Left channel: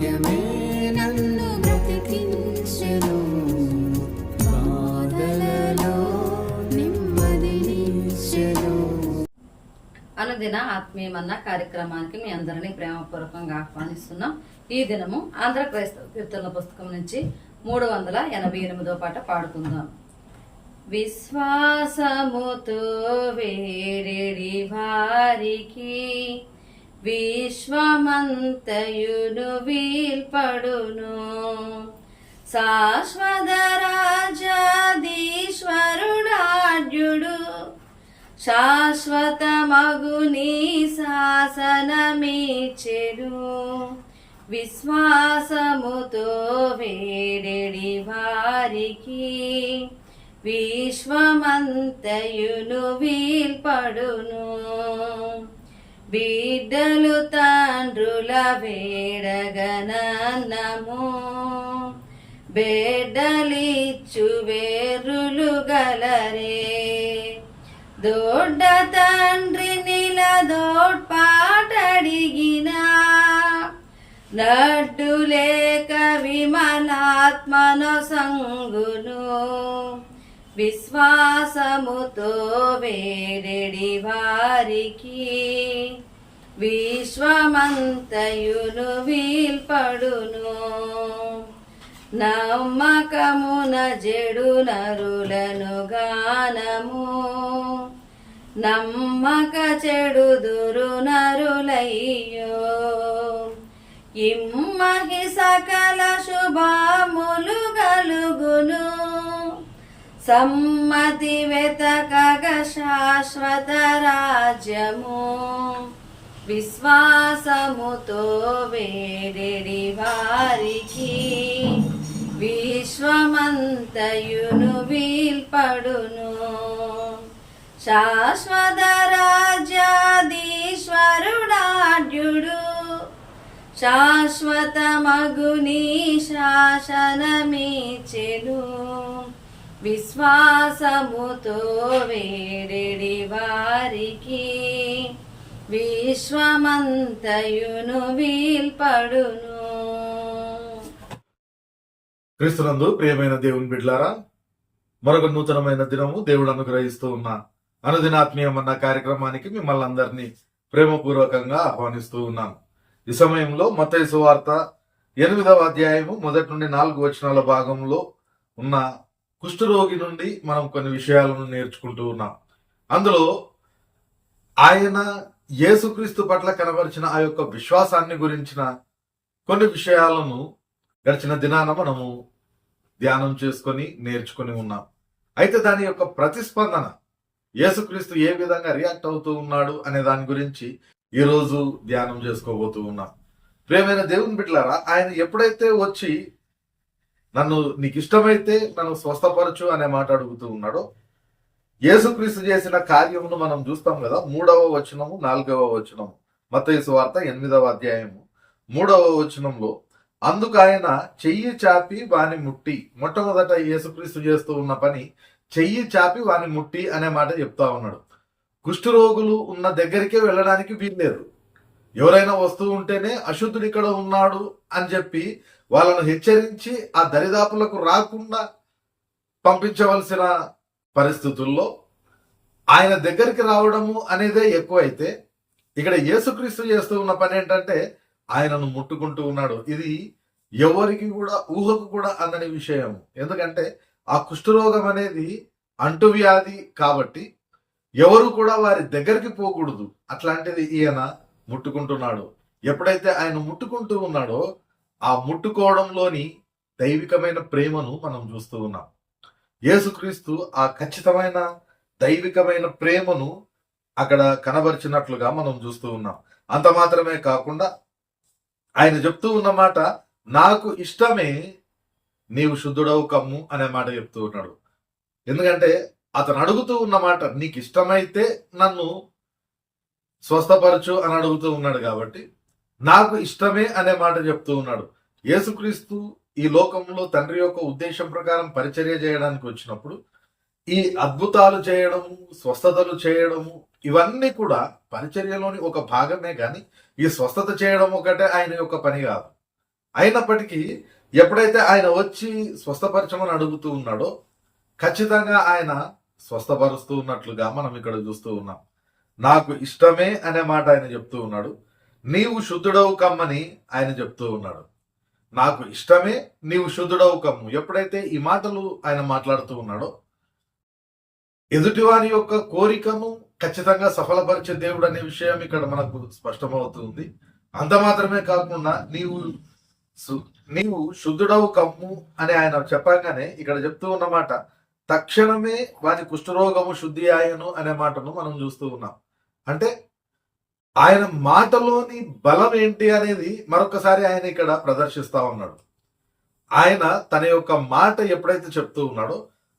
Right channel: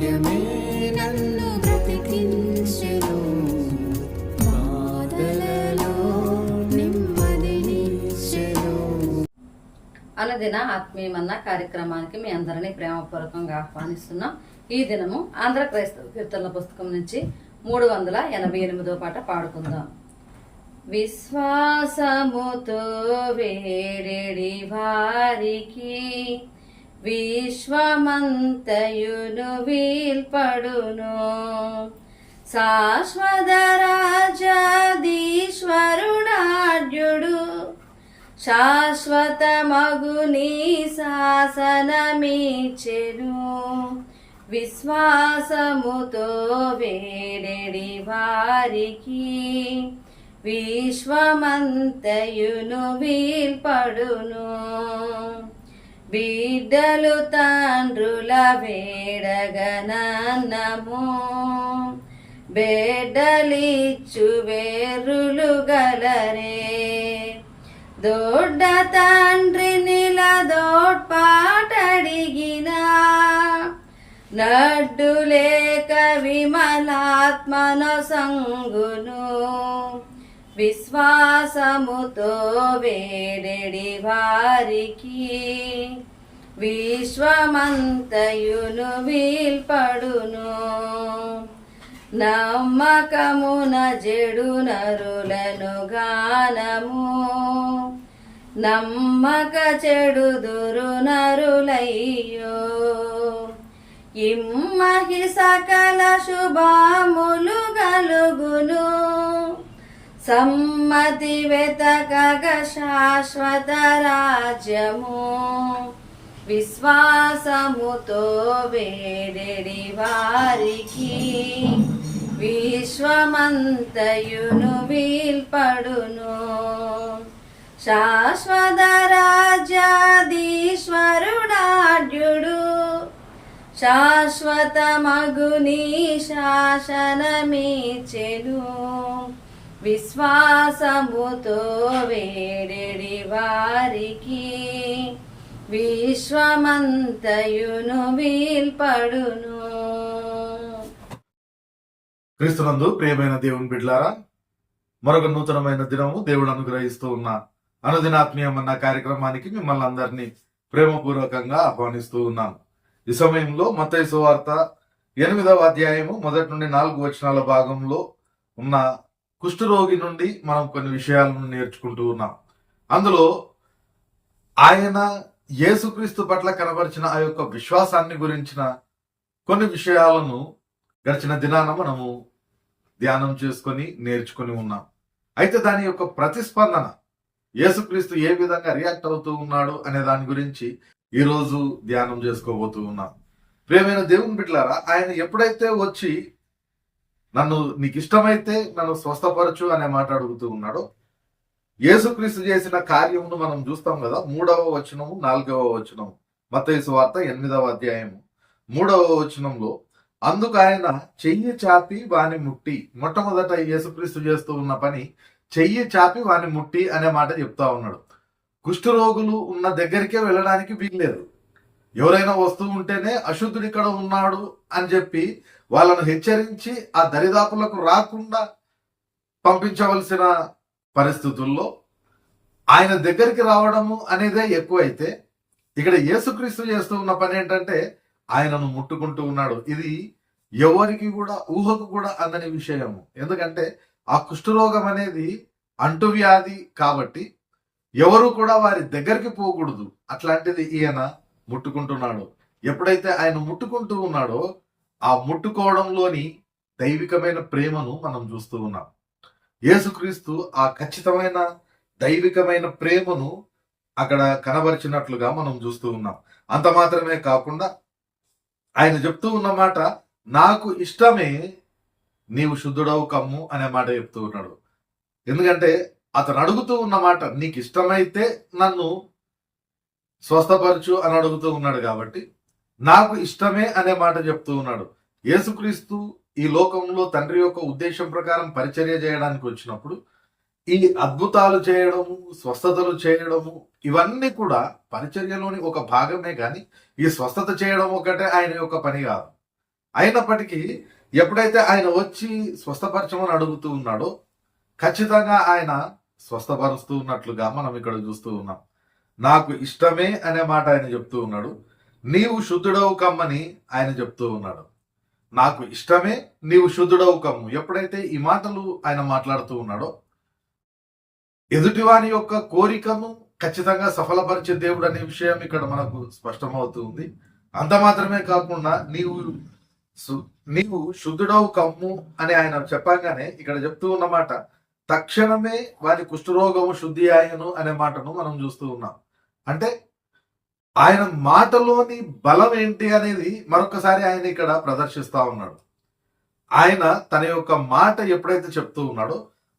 వాక్యమే నన్ను బ్రతికించెను, బాధలలో నెమ్మదినిచ్చెను. అనుదిన ఆత్మీయమన్న కార్యక్రమానికి మీ అందరినీ ప్రేమపూర్వకంగా ఆహ్వానిస్తున్నాం. ఈ దినము ఆంధ్ర క్రైస్తవ కీర్తనల పుస్తకం నుంచి 388వ పాట పాడుకుందాం. విశ్వాసముతో వేరెడి వారికి విశ్వమంతయును వీల్పడును, శాశ్వత రాజాధీశ్వరుడాడ్యుడు శాశ్వతమగుని శాసనమిచ్చెను. విశ్వాసముతో వేరెడి వారికి విశ్వమంతయును వీల్పడును. బిడ్డలు తండ్రుల వేడగనన్నము, బెడ్డలిచ్చు వేరులు గలరే. దొడ్డ తండ్రి నిలదోడ్పాటడిగిన నడ్డు లేక విమలాత్మను సంగును. విశ్వాసముతో వేరెడి వారికి విశ్వమంతయును వీల్పడును. నమ్మకమున జెడు నరులను గానము, నమ్మక చెడుదురు నరులయ్యో. ఇమ్మహి సకల శుభములు గలుగును, సమ్మతి వెతకగ శాశ్వత రాజ్యము. విశ్వాసముతో వేరెడి వారికి విశ్వమంతయును వీల్పడును. శాశ్వత రాజ్యాధీశ్వరుడాడ్యుడు శాశ్వతమగుని శాసనమిచ్చెను. విశ్వాసముతో వేరెడి వారికి విశ్వమంతయును వీల్పడును. క్రీస్తునందు ప్రియమైన దేవుని బిడ్డలారా, మరొక నూతనమైన దినము దేవుడు అనుగ్రహిస్తూ ఉన్న అనుదినాత్మీయమన్న కార్యక్రమానికి మిమ్మల్ని అందరినీ ప్రేమపూర్వకంగా ఆహ్వానిస్తూ ఉన్నాను. ఈ సమయంలో మత్తయి సువార్త 8వ అధ్యాయము 1 నుండి 4 వచనాల భాగంలో ఉన్న కుష్ఠరోగి నుండి మనం కొన్ని విషయాలను నేర్చుకుంటూ ఉన్నాం. అందులో ఆయన యేసుక్రీస్తు పట్ల కనబరిచిన ఆ యొక్క విశ్వాసాన్ని గురించిన కొన్ని విషయాలను గడిచిన దినాన మనము ధ్యానం చేసుకొని నేర్చుకొని ఉన్నాం. అయితే దాని యొక్క ప్రతిస్పందన, యేసుక్రీస్తు ఏ విధంగా రియాక్ట్ అవుతూ ఉన్నాడు అనే దాని గురించి ఈరోజు ధ్యానం చేసుకోబోతూ ఉన్నాం. ప్రియమైన దేవుని బిడ్డలారా, ఆయన ఎప్పుడైతే వచ్చి నీకు ఇష్టమైతే నన్ను స్వస్థపరచు అనే మాట అడుగుతూ ఉన్నాడో, యేసుక్రీస్తు చేసిన కార్యమును మనం చూస్తాం కదా. 3వ వచనము 4వ వచనము మత్తయి సువార్త 8వ అధ్యాయము 3వ వచనంలో, అందుకు ఆయన చెయ్యి చాపి వాని ముట్టి. మొట్టమొదట యేసుక్రీస్తు చేస్తూ ఉన్న పని చెయ్యి చాపి వాని ముట్టి అనే మాట చెప్తా ఉన్నాడు. కుష్ఠరోగులు ఉన్న దగ్గరికే వెళ్ళడానికి వీల్లేదు. ఎవరైనా వస్తూ ఉంటేనే అశుద్ధుడు ఇక్కడ ఉన్నాడు అని చెప్పి వాళ్ళను హెచ్చరించి ఆ దరిదాపులకు రాకుండా పంపించవలసిన పరిస్థితుల్లో ఆయన దగ్గరికి రావడము అనేదే ఎక్కువైతే, ఇక్కడ యేసుక్రీస్తు చేస్తూ ఉన్న పని ఏంటంటే ఆయనను ముట్టుకుంటూ ఉన్నాడు. ఇది ఎవరికి కూడా ఊహకు కూడా అందని విషయము. ఎందుకంటే ఆ కుష్ఠరోగం అనేది అంటువ్యాధి కాబట్టి ఎవరు కూడా వారి దగ్గరికి పోకూడదు. అట్లాంటిది ఈయన ముట్టుకుంటున్నాడు. ఎప్పుడైతే ఆయన ముట్టుకుంటూ ఉన్నాడో ఆ ముట్టుకోవడంలోని దైవికమైన ప్రేమను మనం చూస్తూ ఉన్నాం. యేసుక్రీస్తు ఆ ఖచ్చితమైన దైవికమైన ప్రేమను అక్కడ కనబరిచినట్లుగా మనం చూస్తూ ఉన్నాం. అంత మాత్రమే కాకుండా ఆయన చెప్తూ ఉన్నమాట, నాకు ఇష్టమే నీవు శుద్ధుడవు కమ్ము అనే మాట చెప్తూ ఉన్నాడు. ఎందుకంటే అతను అడుగుతూ ఉన్నమాట, నీకు ఇష్టమైతే నన్ను స్వస్థపరచు అని అడుగుతూ ఉన్నాడు కాబట్టి నాకు ఇష్టమే అనే మాట చెప్తూ ఉన్నాడు. యేసుక్రీస్తు ఈ లోకంలో తండ్రి యొక్క ఉద్దేశం ప్రకారం పరిచర్య చేయడానికి వచ్చినప్పుడు ఈ అద్భుతాలు చేయడము, స్వస్థతలు చేయడము, ఇవన్నీ కూడా పరిచర్యలోని ఒక భాగమే. కానీ ఈ స్వస్థత చేయడం ఒకటే ఆయన యొక్క పని కాదు. అయినప్పటికీ ఎప్పుడైతే ఆయన వచ్చి స్వస్థపరచమని అడుగుతూ ఉన్నాడో ఖచ్చితంగా ఆయన స్వస్థపరుస్తూ ఉన్నట్లుగా మనం ఇక్కడ చూస్తూ ఉన్నాం. నాకు ఇష్టమే అనే మాట ఆయన చెప్తూ ఉన్నాడు. నీవు శుద్ధుడవు కమ్మని ఆయన చెప్తూ ఉన్నాడు. నాకు ఇష్టమే, నీవు శుద్ధుడవు కమ్ము. ఎప్పుడైతే ఈ మాటలు ఆయన మాట్లాడుతూ ఉన్నాడో ఎదుటివాని యొక్క కోరికను ఖచ్చితంగా సఫలపరిచే దేవుడు అనే విషయం ఇక్కడ మనకు స్పష్టమవుతుంది. అంత మాత్రమే కాకుండా నీవు శుద్ధుడవు కమ్ము అని ఆయన చెప్పగానే ఇక్కడ చెప్తూ ఉన్నమాట తక్షణమే వాని కుష్ఠరోగము శుద్ధి ఆయను అనే మాటను మనం చూస్తూ ఉన్నాం. అంటే ఆయన మాటలోని బలం ఏంటి అనేది మరొకసారి ఆయన ఇక్కడ ప్రదర్శిస్తా ఉన్నాడు. ఆయన తన యొక్క మాట ఎప్పుడైతే చెప్తూ ఉన్నాడో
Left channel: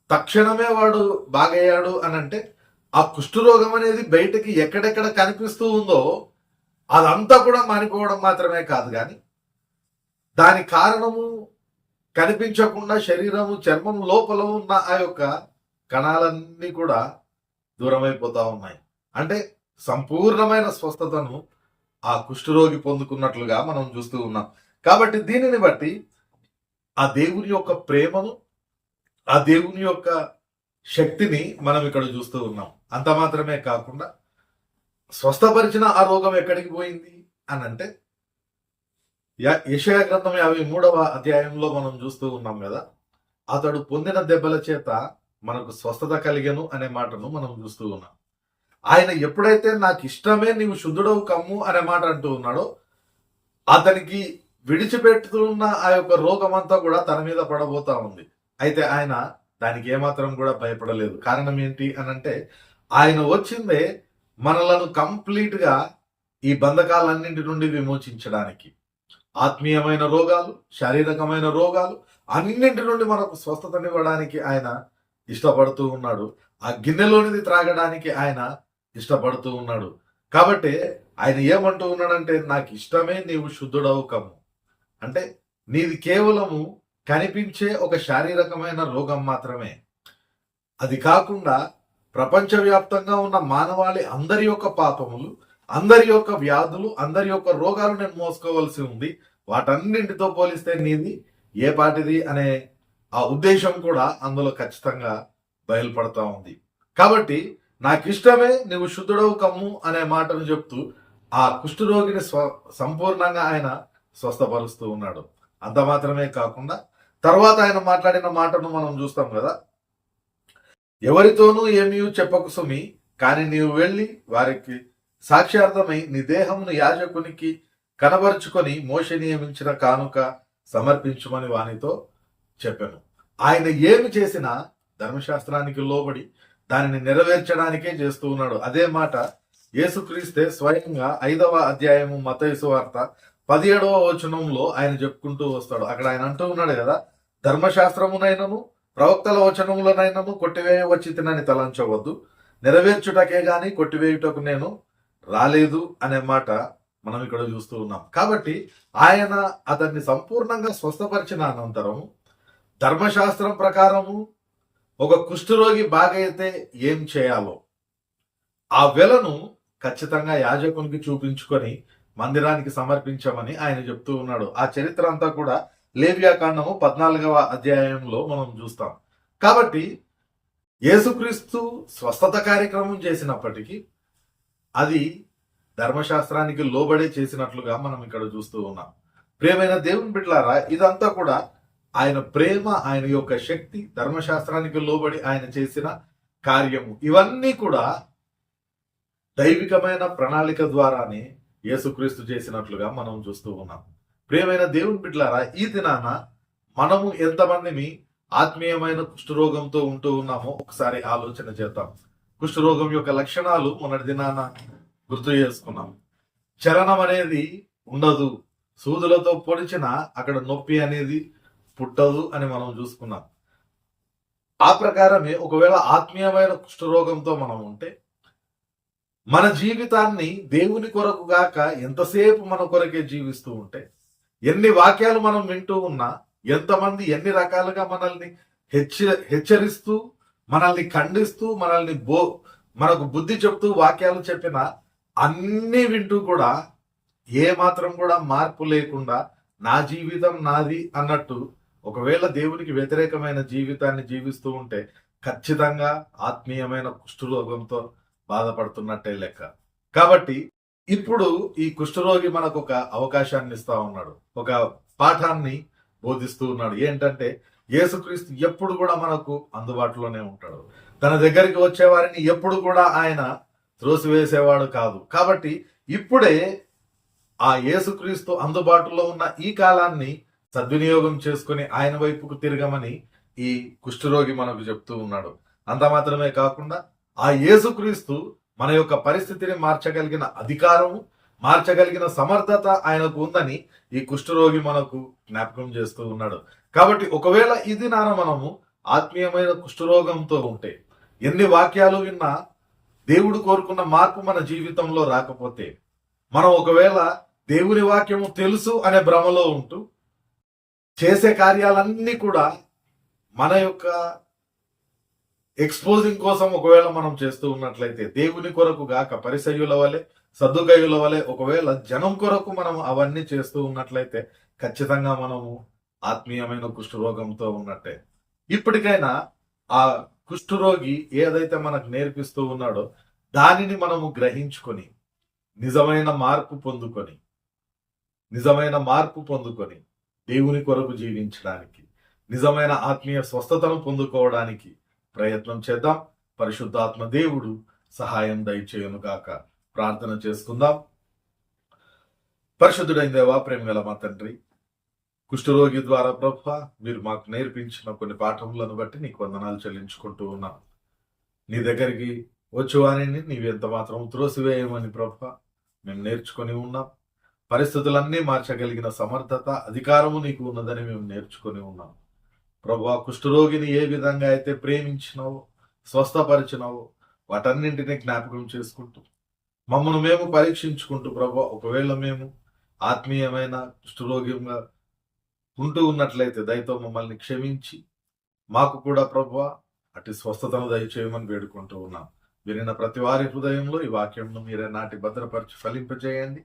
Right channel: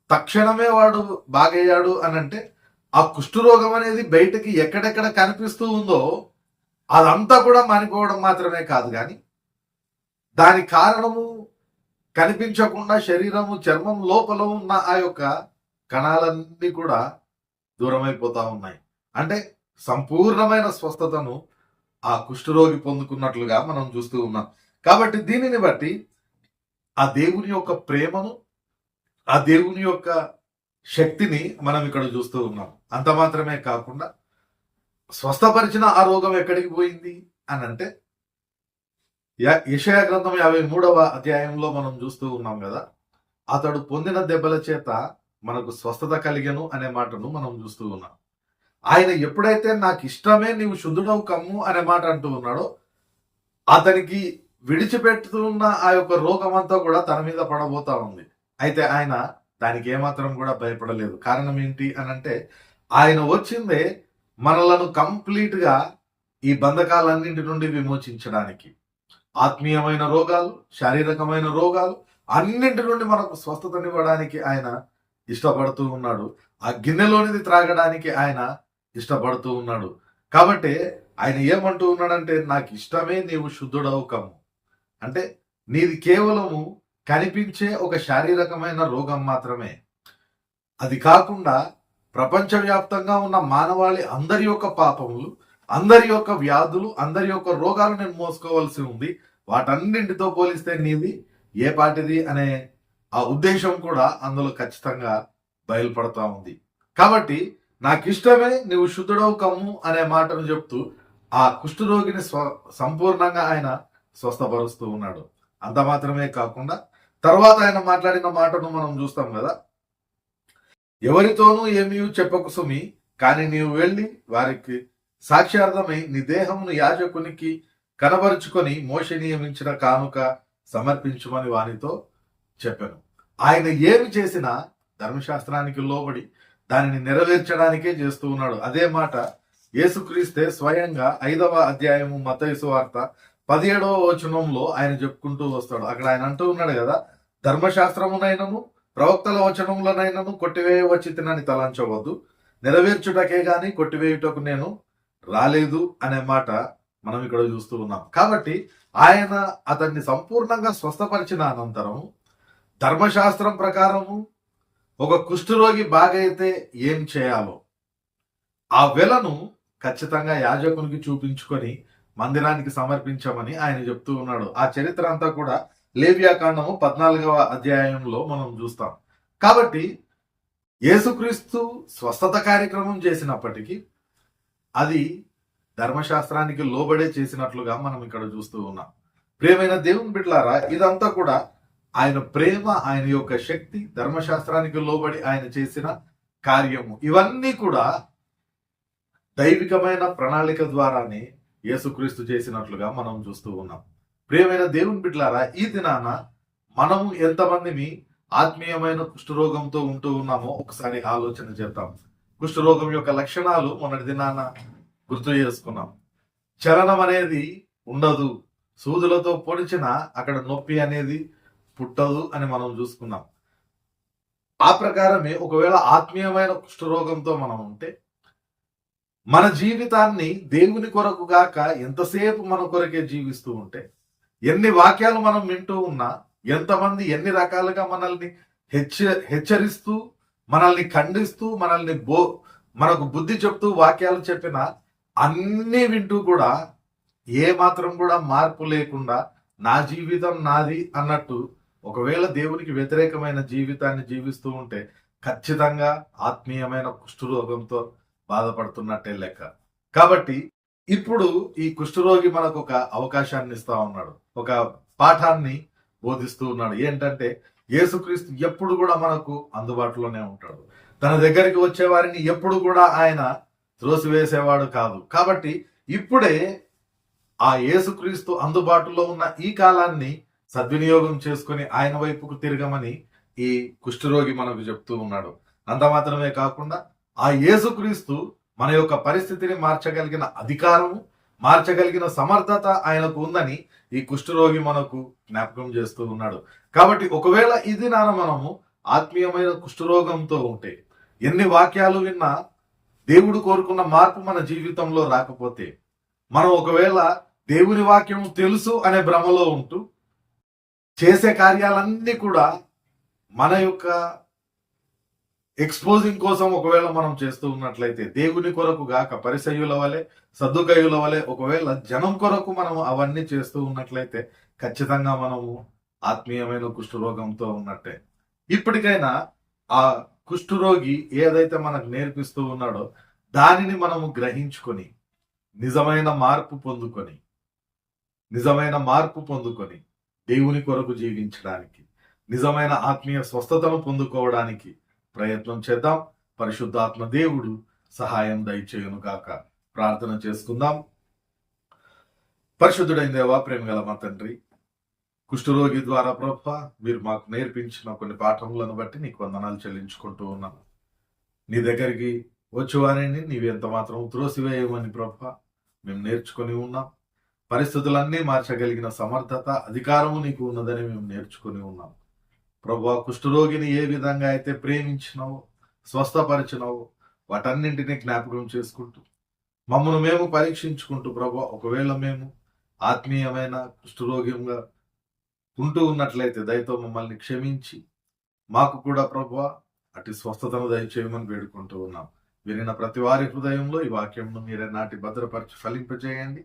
తక్షణమే వాడు బాగయ్యాడు అని అంటే ఆ కుష్ఠరోగం అనేది బయటకి ఎక్కడెక్కడ కనిపిస్తూ ఉందో అదంతా కూడా మానిపోవడం మాత్రమే కాదు, కానీ దాని కారణము కనిపించకుండా శరీరము చర్మం లోపల ఉన్న ఆ యొక్క కణాలన్నీ కూడా దూరమైపోతా ఉన్నాయి. అంటే సంపూర్ణమైన స్వస్థతను ఆ కుష్ఠరోగి పొందుకున్నట్లుగా మనం చూస్తూ ఉన్నాం. కాబట్టి దీనిని బట్టి ఆ దేవుని యొక్క ప్రేమను, ఆ దేవుని యొక్క శక్తిని మనం ఇక్కడ చూస్తూ ఉన్నాం. అంత మాత్రమే కాకుండా స్వస్థపరిచిన ఆ రోగం ఎక్కడికి పోయింది అని అంటే యెషయా గ్రంథం 53వ అధ్యాయంలో మనం చూస్తూ ఉన్నాం కదా, అతడు పొందిన దెబ్బల చేత మనకు స్వస్థత కలిగెను అనే మాటను మనం చూస్తూ ఉన్నాం. ఆయన ఎప్పుడైతే నాకు ఇష్టమే నీవు శుద్ధుడవు కమ్ము అనే మాట అంటూ ఉన్నాడో అతనికి విడిచిపెడుతున్న ఆ యొక్క రోగం అంతా కూడా తన మీద పడబోతా ఉంది. అయితే ఆయన దానికి ఏమాత్రం కూడా భయపడలేదు. కారణం ఏంటి అని అంటే ఆయన వచ్చిందే మనలను కంప్లీట్ గా ఈ బంధకాలన్నింటి నుండి విమోచించడానికి. ఆత్మీయమైన రోగాలు, శారీరకమైన రోగాలు అన్నింటి నుండి మనకు స్వస్థతనివ్వడానికి ఆయన ఇష్టపడుతూ ఉన్నాడు. ఆ గిన్నెలోనిది త్రాగడానికి ఆయన ఇష్టపడుతూ ఉన్నాడు. కాబట్టి ఆయన ఏమంటూ ఉన్నాడంటే నాకు ఇష్టమే నీవు శుద్ధుడవు కమ్ము. అంటే నీది కేవలము కనిపించే ఒక శారీరకమైన రోగం మాత్రమే. అది కాకుండా ప్రపంచవ్యాప్తంగా ఉన్న మానవాళి అందరి యొక్క పాపములు, అందరి యొక్క వ్యాధులు, అందరి యొక్క రోగాలు నేను మోసుకోవాల్సి ఉంది. వాటన్నింటితో పోలిస్తే నీది ఏ పాటిది అనే ఆ ఉద్దేశం కూడా అందులో ఖచ్చితంగా బయలుపడతా ఉంది. కాబట్టి నాకు ఇష్టమే నువ్వు శుద్ధుడవు కమ్ము అనే మాటను చెప్తూ ఆ కుష్ఠరోగిని సంపూర్ణంగా ఆయన స్వస్థపరుస్తూ ఉన్నాడు. అంత మాత్రమే కాకుండా తర్వాత ఆయన మాట్లాడిన మాటను మనం చూస్తాం కదా, ఎవరితోనూ ఏమీ చెప్పకు సుమి, కానీ నీవు వెళ్ళి వారికి సాక్ష్యార్థమై నీ దేహమును యాజకునికి కనబరుచుకొని మోషే నియమించిన కానుక సమర్పించుమని వానితో చెప్పాను. ఆయన ఏమి చేసినా ధర్మశాస్త్రానికి లోబడి దానిని నెరవేర్చడానికే చేస్తూ ఉన్నాడు. అదే మాట యేసుక్రీస్తే స్వయంగా 5వ అధ్యాయము మత్తయి సువార్త 17వ వచనంలో ఆయన చెప్పుకుంటూ వస్తాడు. అక్కడ ఆయన అంటూ ఉన్నాడు కదా, ధర్మశాస్త్రమునైనను ప్రవక్తల వచనములనైనను కొట్టివేయవచ్చితినని తలంచవద్దు, నెరవేర్చుటకే గాని కొట్టివేయుటకు నేను రాలేదు అనే మాట మనం ఇక్కడ చూస్తూ ఉన్నాం. కాబట్టి ఆయన అతన్ని సంపూర్ణంగా స్వస్థపరిచిన అనంతరం ధర్మశాస్త్రం ప్రకారము ఒక కుష్ఠరోగి బాగైతే ఏం చేయాలో ఆ వెలను ఖచ్చితంగా యాజకునికి చూపించుకొని మందిరానికి సమర్పించమని ఆయన చెప్తూ ఉన్నాడు. ఆ చరిత్ర అంతా కూడా లేవియాకాండము 14వ అధ్యాయంలో మనం చూస్తాం. కాబట్టి యేసుక్రీస్తు స్వస్థత కార్యక్రమం చేసినప్పటికీ అది ధర్మశాస్త్రానికి లోబడే చేసినట్లుగా మనం ఇక్కడ చూస్తూ ఉన్నాం. ప్రియమైన దేవుని బిడ్డలారా, ఇదంతా కూడా ఆయన ప్రేమ, ఆయన యొక్క శక్తి, ధర్మశాస్త్రానికి లోబడి ఆయన చేసిన కార్యము, ఇవన్నీ కూడా దైవికమైన ప్రణాళిక ద్వారానే యేసుక్రీస్తు చేసినట్లుగా మనం చూస్తూ ఉన్నాం. ప్రియమైన దేవుని బిడ్డలారా, ఈ దినాన మనము ఎంతమందిని ఆత్మీయమైన కుష్ఠరోగంతో ఉంటూ ఉన్నామో ఒకసారి ఆలోచన చేద్దాం. కుష్ఠరోగం యొక్క లక్షణాలు మొన్నటి దినాన గుర్తు చేసుకున్నాం. చలనం అనేది ఉండదు, సూదులతో పొడిచిన అక్కడ నొప్పి అనేది పుట్టదు అని మనం చూసుకున్నాం. ఆ ప్రకారమే ఒకవేళ ఆత్మీయమైన కుష్ఠరోగంతో మనం ఉంటే మన జీవితాన్ని దేవుని కొరకు గాక ఎంతసేపు మన కొరకే జీవిస్తూ ఉంటే, ఎన్ని వాక్యాలు మనం వింటూ ఉన్నా, ఎంతమంది ఎన్ని రకాలుగా మనల్ని హెచ్చరిస్తూ, మనల్ని ఖండిస్తూ, మనకు బుద్ధి చెప్తూ వాక్యాలు చెప్పినా అన్నీ వింటూ కూడా ఏ మాత్రం కూడా మార్పు లేకుండా నా జీవితం నాది అన్నట్టు ఒకవేళ దేవునికి వ్యతిరేకమైన జీవితాన్ని జీవిస్తూ ఉంటే ఖచ్చితంగా ఆత్మీయమైన కుష్ఠరోగంతో బాధపడుతున్నట్టే లెక్క. కాబట్టి ఇప్పుడు ఈ కుష్ఠరోగి మనకు ఒక అవకాశాన్ని ఇస్తా ఉన్నాడు, ఒక పాఠాన్ని బోధిస్తూ ఉన్నాడు. ఏంటంటే యేసుక్రీస్తు ఎప్పుడు కూడా మనకు అందుబాటులోనే ఉంటాడు. తన దగ్గరికి వచ్చే వారిని ఎప్పుడు కూడా ఆయన త్రోసివేసేవాడు కాదు. కాబట్టి ఇప్పుడే ఆ యేసుక్రీస్తు అందుబాటులో ఉన్న ఈ కాలాన్ని సద్వినియోగం చేసుకుని ఆయన వైపుకు తిరగమని ఈ కుష్ఠరోగి మనకు చెప్తూ ఉన్నాడు. అంత మాత్రమే కాకుండా ఆ యేసుక్రీస్తు మన యొక్క పరిస్థితిని మార్చగలిగిన అధికారము, మార్చగలిగిన సమర్థత ఆయనకు ఉందని ఈ కుష్ఠరోగి మనకు జ్ఞాపకం చేస్తూ ఉన్నాడు. కాబట్టి ఒకవేళ ఇది మనము ఆత్మీయమైన కుష్ఠరోగంతో ఉంటే, ఎన్ని వాక్యాలు విన్నా దేవుడు కోరుకున్న మార్పు మన జీవితంలో రాకపోతే, మనం ఒకవేళ దేవుని వాక్యము తెలుసు అనే భ్రమలో ఉంటూ చేసే కార్యాలన్నీ కూడా మన యొక్క ఎక్స్పోజింగ్ కోసం ఒకవేళ మనం చేస్తూ ఉన్నట్లయితే, దేవుని కొరకు గాక పరిసయ్యుల వలె సద్దుకయ్యుల వలె ఒకవేళ జనం కొరకు మనం అవన్నీ చేస్తూ ఉన్నట్లయితే ఖచ్చితంగా మనము ఆత్మీయమైన కుష్ఠరోగంతో ఉన్నట్టే. ఇప్పటికైనా ఆ కుష్ఠరోగి ఏదైతే మనకు నేర్పిస్తూ ఉన్నాడో దానిని మనము గ్రహించుకొని నిజమైన మార్పు పొందుకొని దేవుని కొరకు జీవించడానికి, నిజమైన ఆత్మీయ స్వస్థతను పొందుకోవడానికి ప్రయత్నం చేద్దాం. పరిశుద్ధాత్మ దేవుడు సహాయం దయచేయును గాక. ప్రార్థన చేసుకుందాం. పరిశుద్ధుడైన దేవా, ప్రేమగల మా తండ్రి, కుష్ఠరోగి ద్వారా ప్రభువా మీరు మాకు నేర్పించిన కొన్ని పాఠములను బట్టి నీకు వందనాలు చెల్లించుకుంటూ ఉన్నాం. నీ దగ్గరికి వచ్చేవారిని నీవెంత మాత్రం త్రోసివేయమని ప్రభువా మేము నేర్చుకొని ఉన్నాం. పరిస్థితులన్నీ మార్చగలిగిన సమర్థత, అధికారము నీకు ఉన్నదని మేము నేర్చుకొని ఉన్నాం. ప్రభువా, కుష్ఠరోగిని ఏ విధంగా అయితే ప్రేమించినావో, స్వస్థపరిచినావో వాటన్నింటినీ జ్ఞాపకం చేసుకుంటూ మమ్మల్ని మేము పరీక్షించుకుంటూ ప్రభువా, ఒకవేళ మేము ఆత్మీయమైన కుష్ఠరోగంగా ఉంటూ ఉన్నట్లయితే దయతో మమ్మల్ని క్షమించి మాకు కూడా ప్రభువా అటు స్వస్థతను దయచేయమని వేడుకుంటూ ఉన్నాం. వినిన ప్రతి వారి హృదయంలో ఈ వాక్యంను మీరే నాటి భద్రపరిచి ఫలింపజేయండి.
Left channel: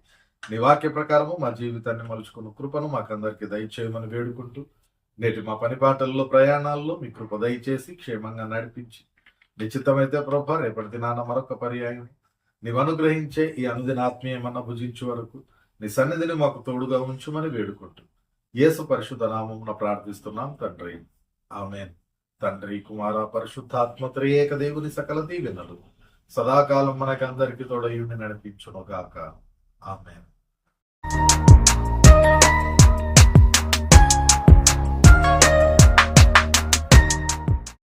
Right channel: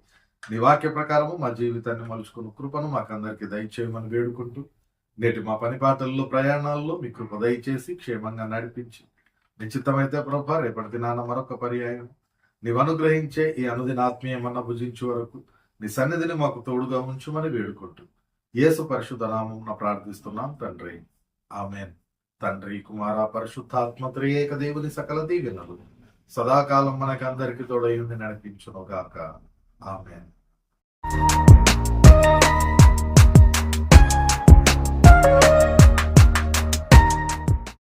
నీ వాక్య ప్రకారము మా జీవితాన్ని మలుచుకున్న కృపను మాకందరికి దయచేయమని వేడుకుంటూ నేటి మా పనిపాటల్లో, ప్రయాణాల్లో మీ కృప దయచేసి క్షేమంగా నడిపించి నిశ్చితమైతే ప్రభా రేపటి దినాన మరొక పర్యాయం నీవు అనుగ్రహించే ఈ అనుదిన ఆత్మీయమన్న భుజించే వరకు నీ సన్నిధిని మాకు తోడుగా ఉంచుమని వేడుకుంటూ యేసు పరిశుద్ధ నామమున ప్రార్థిస్తున్నాం తండ్రి, ఆమేన్. తండ్రి, కుమార, పరిశుద్ధాత్మ త్రియేక దేవుని సకల దీవెనలు సదాకాలం మనకందరికి తోడయుండి నడిపించును గాక. ఆమేన్.